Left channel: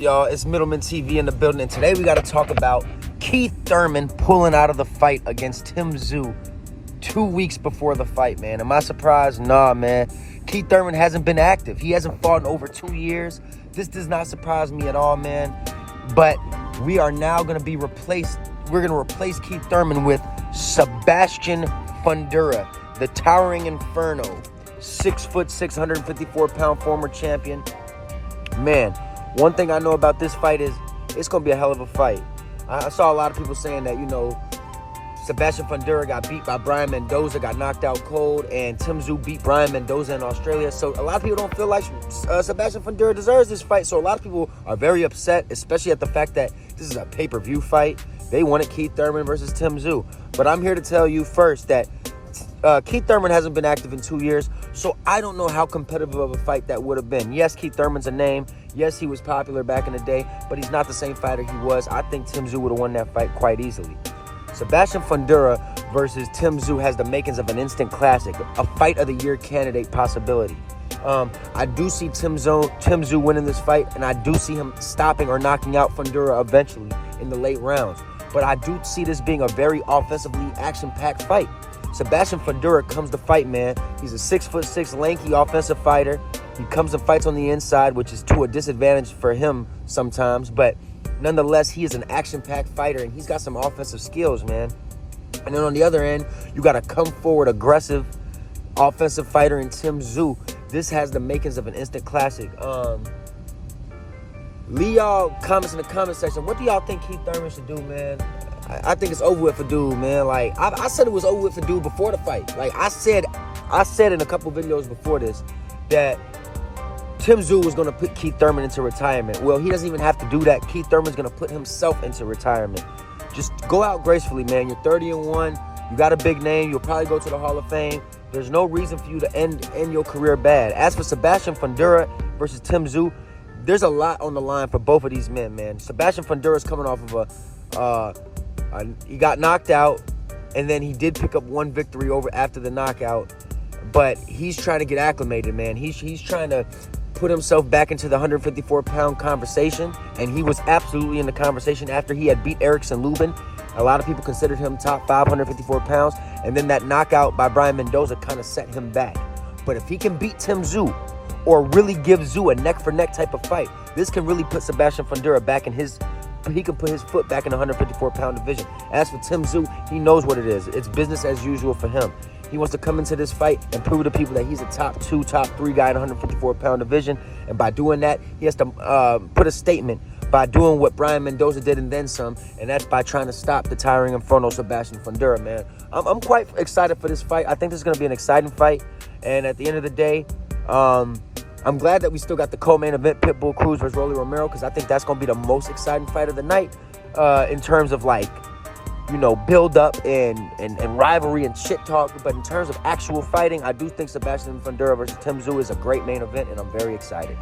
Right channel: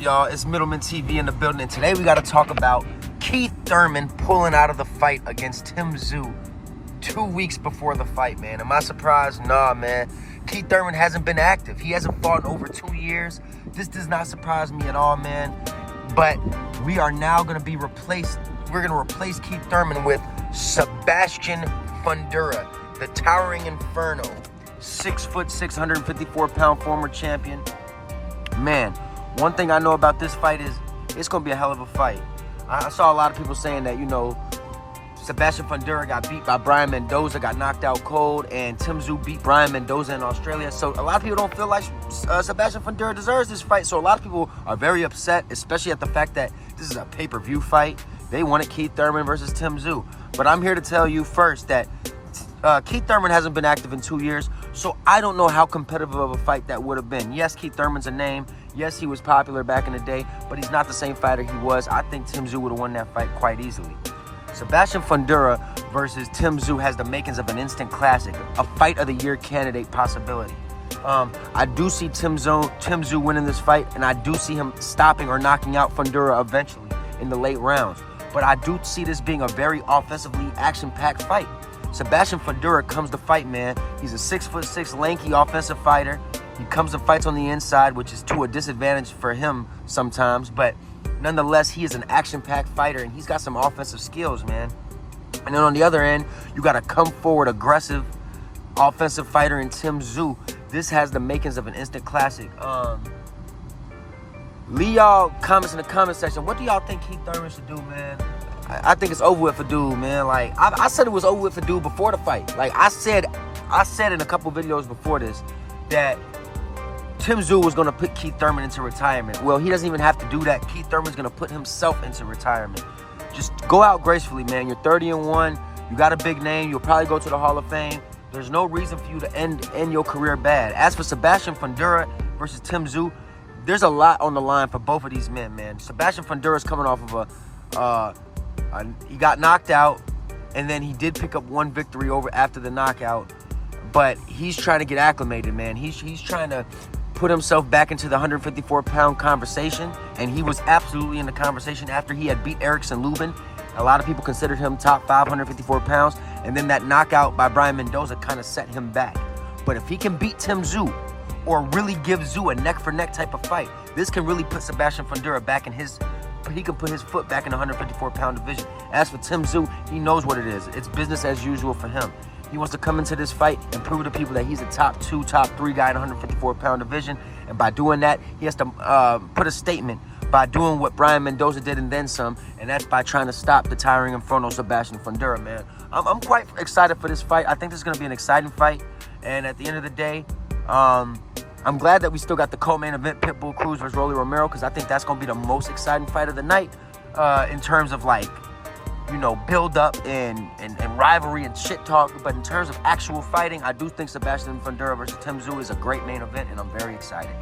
Y'all, it's Middleman TV in the building, and today we got to talk about Keith Thurman pulling out of the fight against Tim Tysu 2 weeks before the fight, man. Am I surprised? Nah, man. Keith Thurman hasn't been active. He hasn't fought in over 2 years. This does not surprise me at all, man. But we are now going to be replaced. We're going to replace Keith Thurman with Sebastian Fundora, the towering inferno. 6'6", 154-pound former champion. Man, one thing I know about this fight is it's going to be a hell of a fight. I saw a lot of people saying that, Sebastian Fundora got beat by Brian Mendoza, got knocked out cold, and Tim Tysu beat Brian Mendoza in Australia. So a lot of people don't feel like Sebastian Fundora deserves this fight. So a lot of people are very upset, especially at the fact that this is a pay-per-view fight. They wanted Keith Thurman versus Tim Tysu. But I'm here to tell you first that Keith Thurman hasn't been active in 2 years, so I don't know how competitive of a fight that would have been. Yes, Keith Thurman's a name. Yes, he was popular back in the day, but he's not the same fighter he was. I think Tim Tysu would have won that fight quite easily. Sebastian Fundora versus Tim Tysu has the makings of an instant classic, a fight of the year candidate possibility. I do see Tim Tysu winning this fight, and I do see him stopping or knocking out Fundora eventually in the late rounds. But I do see this being a very offensively action-packed fight. Sebastian Fundora comes to fight, man. He's a 6'6", lanky offensive fighter. He comes and fights on the inside, which is to a disadvantage for him sometimes. But nonetheless, he is an action-packed fighter, and he's got some offensive skills, man. And then on the other end, you got a come-forward, aggressive offensive fighter in Tim Tysu. This has the makings of an instant classic. Leave y'all comments in the comment section. What do y'all think Keith Thurman should do, man? I think it's over with for dude, man. Like, I said it was over with for dude before the fight. Like, I said in a couple videos before this that Tim Tysu was going to put Keith Thurman into retirement. Well, he doesn't even have to do that. Keith Thurman's going to put himself into retirement. Just go out gracefully, man. You're 30-1. You got a big name. You'll probably go to the Hall of Fame. There's no reason for you to end your career bad. As for Sebastian Fundora versus Tim Tysu, there's a lot on the line for both of these men, man. Sebastian Fundora's coming off of he got knocked out, and then he did pick up one victory over after the knockout. But he's trying to get acclimated, man. He's trying to put himself back into the 154-pound conversation, and he was absolutely in the conversation after he had beat Erickson Lubin. A lot of people considered him top 554 pounds, and then that knockout by Brian Mendoza kind of set him back. But if he can beat Tim Tysu, or really give Tysu a neck-for-neck type of fight, this can really put Sebastian Fundora back in he can put his foot back in the 154-pound division. As for Tim Tysu, he knows what it is. It's business as usual for him. He wants to come into this fight and prove to people that he's a top 2, top 3 guy in the 154-pound division. And by doing that, he has to put a statement by doing what Brian Mendoza did and then some, and that's by trying to stop the towering inferno Sebastian Fundora, man. I'm quite excited for this fight. I think this is going to be an exciting fight. And at the end of the day, I'm glad that we still got the co-main event, Pitbull Cruz versus Rolly Romero, because I think that's going to be the most exciting fight of the night in terms of, like, build up and rivalry and shit talk. But in terms of actual fighting, I do think Sebastian Fundora versus Tim Tysu is a great main event, and I'm very excited.